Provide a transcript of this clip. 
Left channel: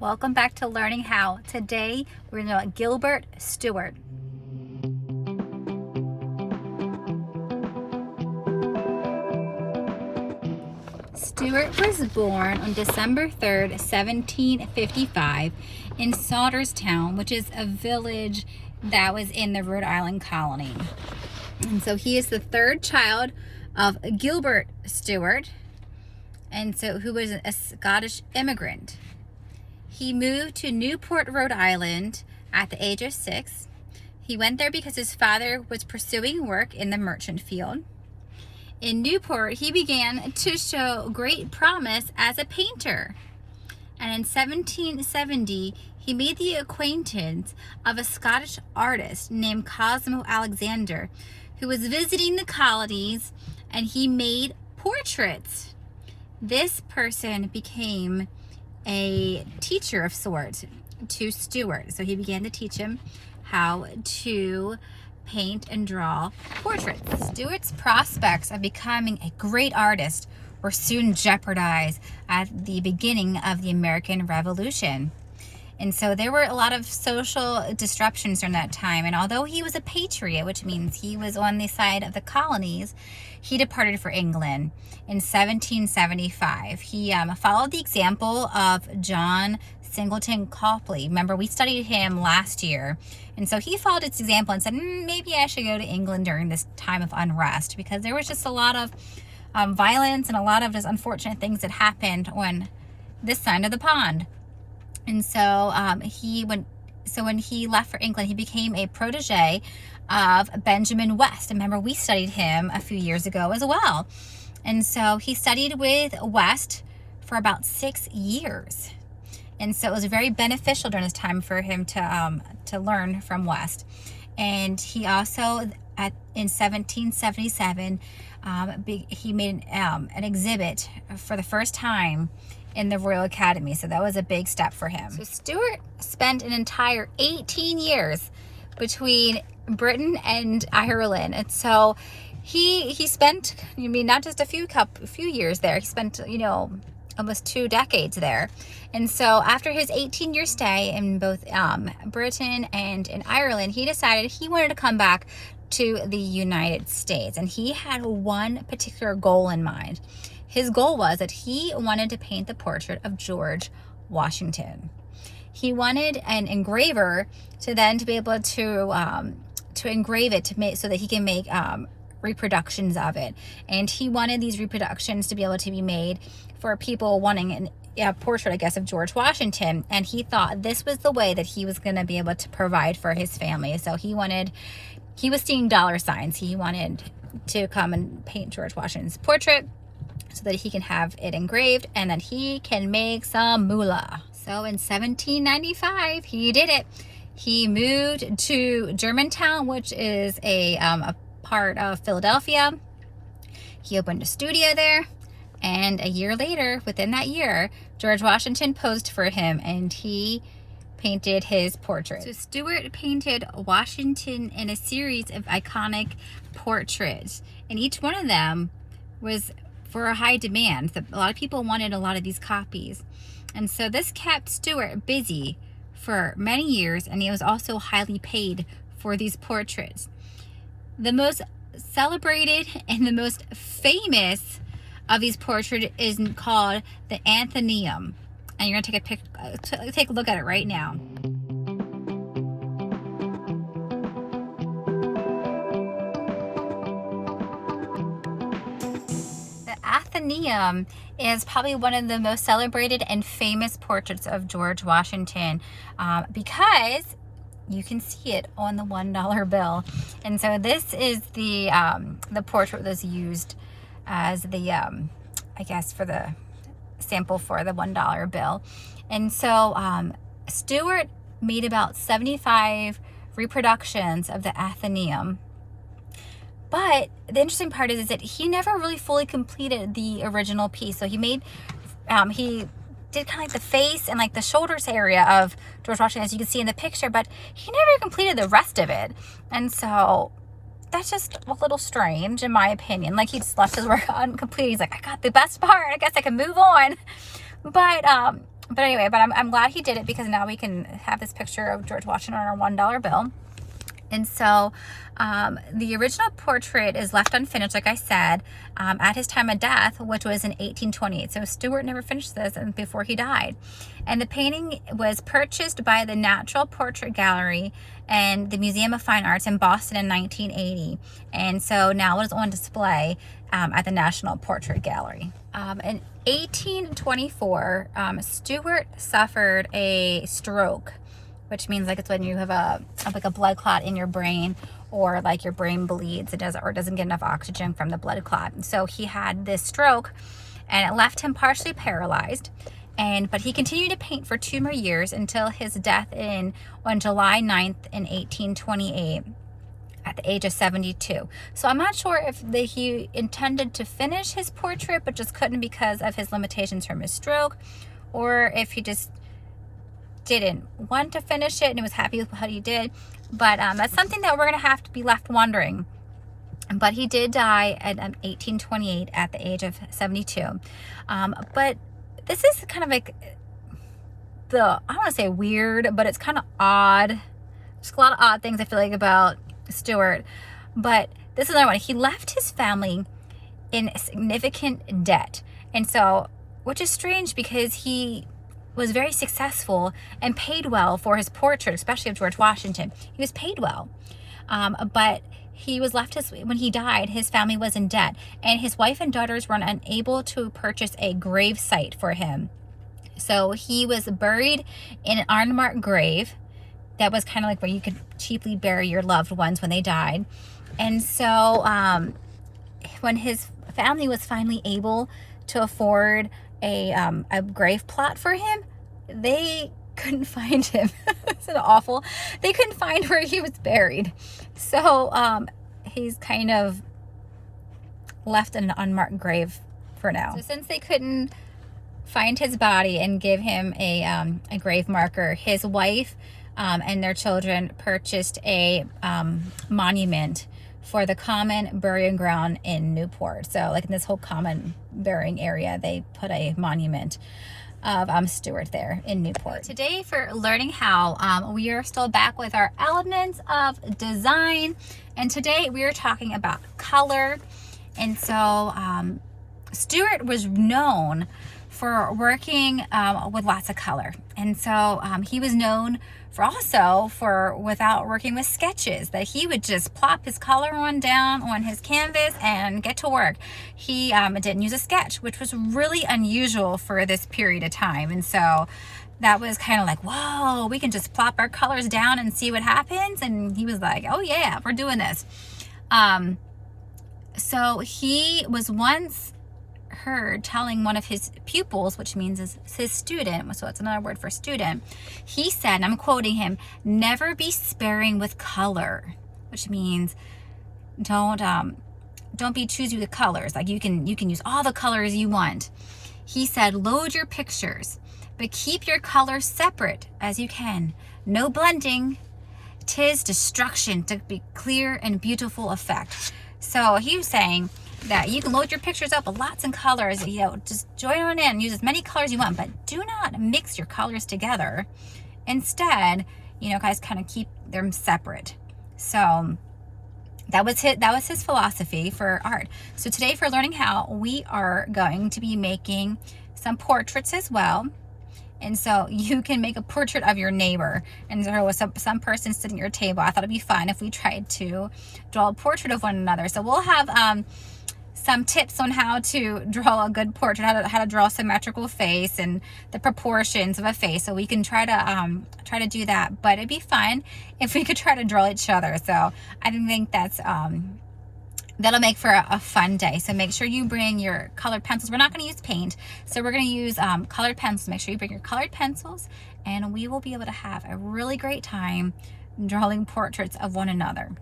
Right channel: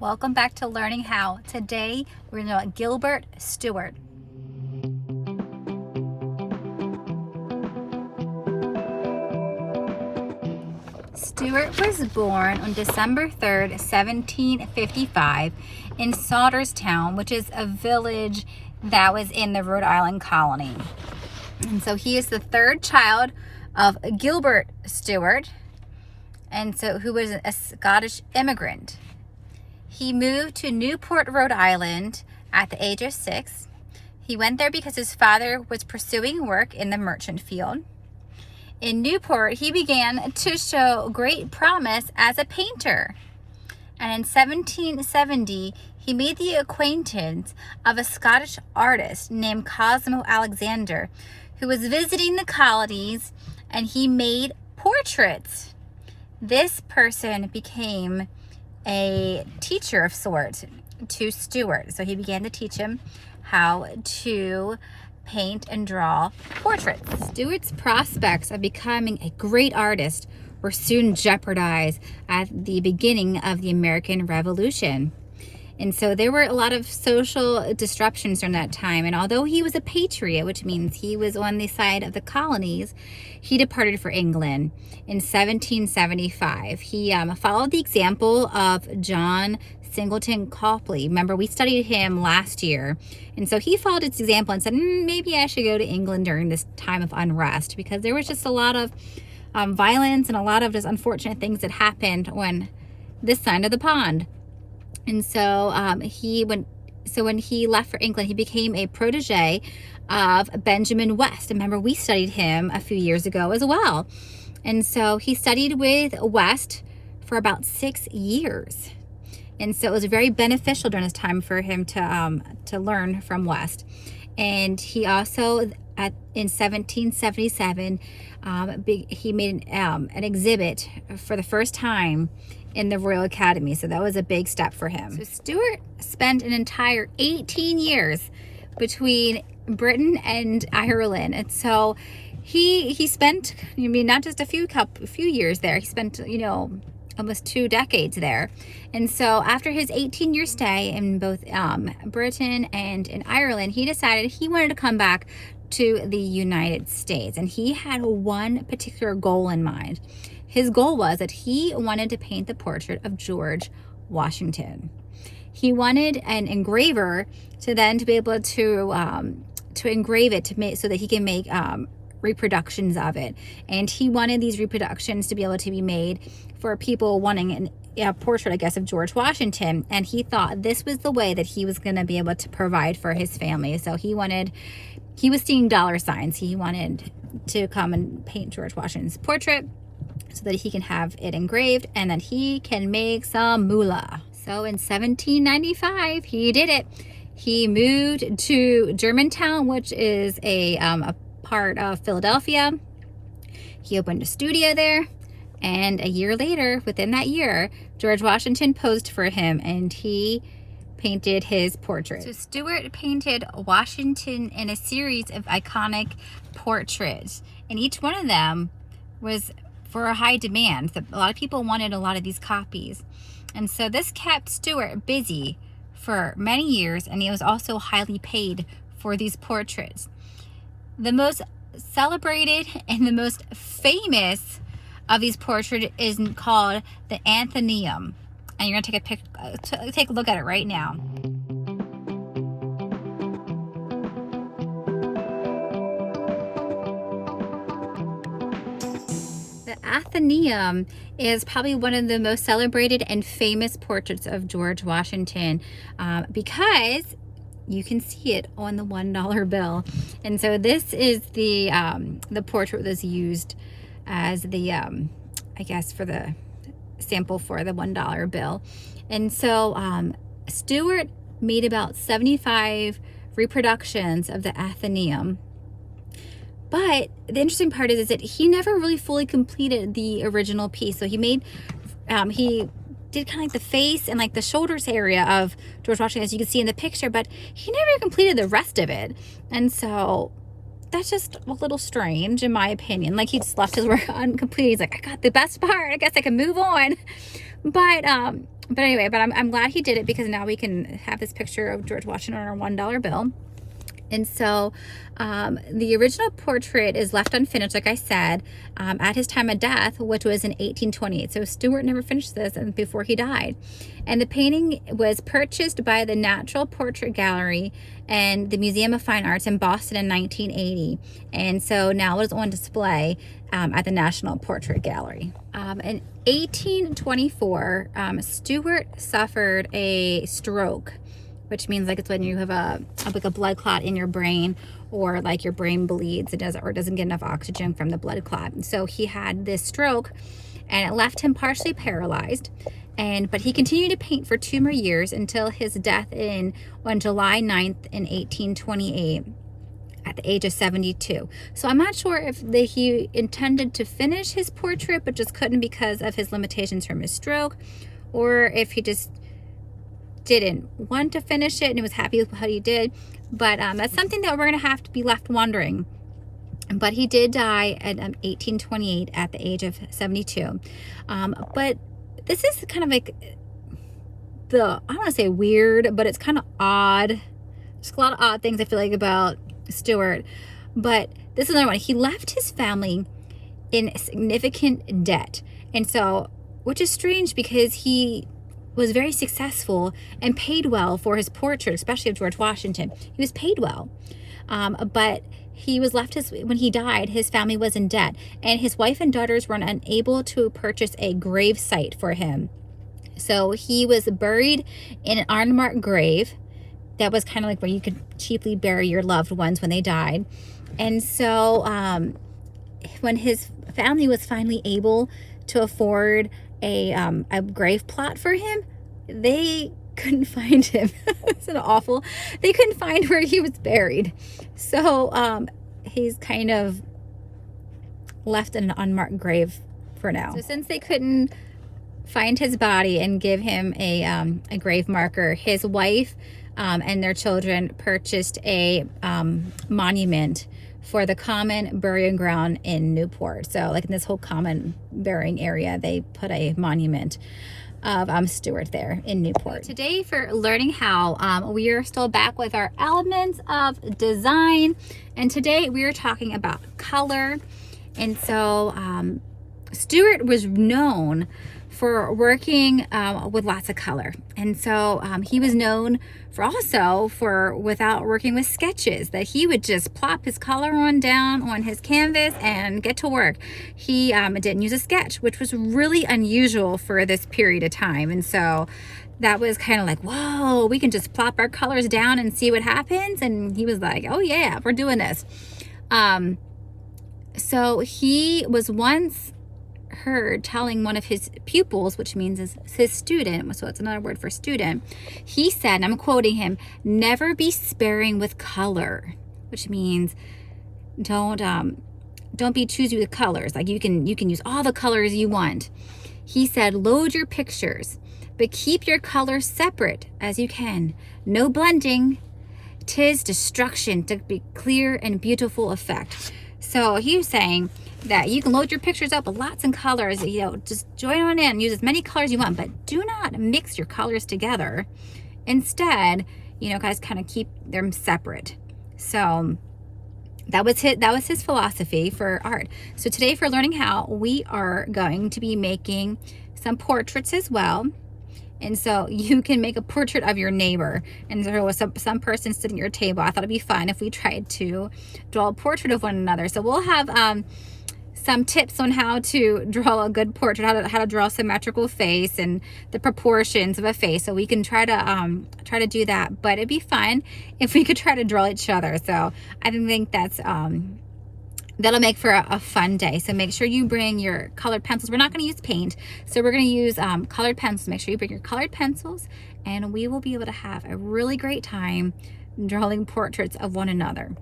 Welcome back to Learning How. Today we're going to know about Gilbert Stuart. Stuart was born on December 3rd, 1755 in Sauterstown, which is a village that was in the Rhode Island colony. And so he is the third child of Gilbert Stuart, and so who was a Scottish immigrant. He moved to Newport, Rhode Island at the age of 6. He went there because his father was pursuing work in the merchant field. In Newport, he began to show great promise as a painter. And in 1770, he made the acquaintance of a Scottish artist named Cosmo Alexander, who was visiting the colonies, and he made portraits. This person became a teacher of sorts to Stuart. So he began to teach him how to paint and draw portraits. Stuart's prospects of becoming a great artist were soon jeopardized at the beginning of the American Revolution. And so there were a lot of social disruptions during that time. And although he was a patriot, which means he was on the side of the colonies, he departed for England in 1775. He followed the example of John Singleton Copley. Remember, we studied him last year. And so he followed its example and said, maybe I should go to England during this time of unrest, because there was just a lot of violence and a lot of just unfortunate things that happened on this side of the pond. And so when he left for England, he became a protege of Benjamin West. Remember, we studied him a few years ago as well. And so he studied with West for about 6 years. And so it was very beneficial during this time for him to learn from West. And he also, in 1777, he made an exhibit for the first time in the Royal Academy. So that was a big step for him. So Stuart spent an entire 18 years between Britain and Ireland. And so he spent, not just a few years there. He spent, almost 2 decades there. And so after his 18-year stay in both Britain and in Ireland, he decided he wanted to come back to the United States. And he had one particular goal in mind. His goal was that he wanted to paint the portrait of George Washington. He wanted an engraver to be able to engrave it so that he can make reproductions of it. And he wanted these reproductions to be able to be made for people wanting a portrait, I guess, of George Washington. And he thought this was the way that he was going to be able to provide for his family. So he was seeing dollar signs. He wanted to come and paint George Washington's portrait so that he can have it engraved and that he can make some moolah. So in 1795, he did it. He moved to Germantown, which is a part of Philadelphia. He opened a studio there. And a year later, within that year, George Washington posed for him and he painted his portrait. So Stuart painted Washington in a series of iconic portraits. And each one of them was for a high demand. A lot of people wanted a lot of these copies. And so this kept Stuart busy for many years, and he was also highly paid for these portraits. The most celebrated and the most famous of these portraits is called the Athenaeum. And you're gonna take a look at it right now. Athenaeum is probably one of the most celebrated and famous portraits of George Washington because you can see it on the $1 bill. And so this is the portrait that was used as the I guess for the sample for the $1 bill. And so Stuart made about 75 reproductions of the Athenaeum. But the interesting part is that he never really fully completed the original piece. So he did kind of like the face and like the shoulders area of George Washington, as you can see in the picture, but he never completed the rest of it. And so that's just a little strange in my opinion. Like, he just left his work uncompleted. He's like, I got the best part, I guess I can move on. But But anyway, but I'm glad he did it, because now we can have this picture of George Washington on our $1 bill. And so the original portrait is left unfinished, like I said, at his time of death, which was in 1828. So Stuart never finished this before he died. And the painting was purchased by the Natural Portrait Gallery and the Museum of Fine Arts in Boston in 1980. And so now it is on display at the National Portrait Gallery. In 1824, Stuart suffered a stroke, which means like it's when you have like a blood clot in your brain, or like your brain bleeds, it doesn't get enough oxygen from the blood clot. And so he had this stroke, and it left him partially paralyzed. But he continued to paint for 2 more years until his death on July 9th in 1828 at the age of 72. So I'm not sure if he intended to finish his portrait but just couldn't because of his limitations from his stroke, or if he just didn't want to finish it and he was happy with what he did. But that's something that we're gonna have to be left wondering. But he did die at 1828 at the age of 72. But this is kind of like I don't want to say weird, but it's kind of odd. There's a lot of odd things I feel like about Stuart. But this is another one. He left his family in significant debt, and so, which is strange because he was very successful and paid well for his portrait, especially of George Washington. He was paid well, but he was left, when he died, his family was in debt, and his wife and daughters were unable to purchase a grave site for him. So he was buried in an unmarked grave that was kind of like where you could cheaply bury your loved ones when they died. And so when his family was finally able to afford a grave plot for him, they couldn't find him. Isn't it awful? They couldn't find where he was buried. So he's kind of left in an unmarked grave for now. So since they couldn't find his body and give him a grave marker, his wife and their children purchased a monument for the common burying ground in Newport. So like in this whole common burying area, they put a monument of Stuart there in Newport. Today, for learning how, we are still back with our elements of design, and today we are talking about color. And so Stuart was known for working with lots of color, and so he was known for without working with sketches, that he would just plop his color down on his canvas and get to work. He didn't use a sketch, which was really unusual for this period of time. And so that was kind of like, whoa, we can just plop our colors down and see what happens. And he was like, oh yeah, we're doing this. So he was once heard telling one of his pupils, which means is his student, so it's another word for student. He said, and I'm quoting him, "Never be sparing with color," which means don't be choosy with colors. Like you can use all the colors you want. He said, "Load your pictures, but keep your colors separate as you can. No blending. 'Tis destruction to be clear and beautiful effect." So he was saying that you can load your pictures up with lots of colors, just join on in, use as many colors as you want, but do not mix your colors together. Instead, guys, kind of keep them separate. So that was his philosophy for art. So today, for learning how, we are going to be making some portraits as well. And so you can make a portrait of your neighbor. And there was some person sitting at your table. I thought it'd be fun if we tried to draw a portrait of one another. So we'll have some tips on how to draw a good portrait, how to draw a symmetrical face and the proportions of a face. So we can try to do that. But it'd be fun if we could try to draw each other. So I think that's that'll make for a fun day. So make sure you bring your colored pencils. We're not going to use paint, so we're going to use colored pencils. Make sure you bring your colored pencils, and we will be able to have a really great time drawing portraits of one another.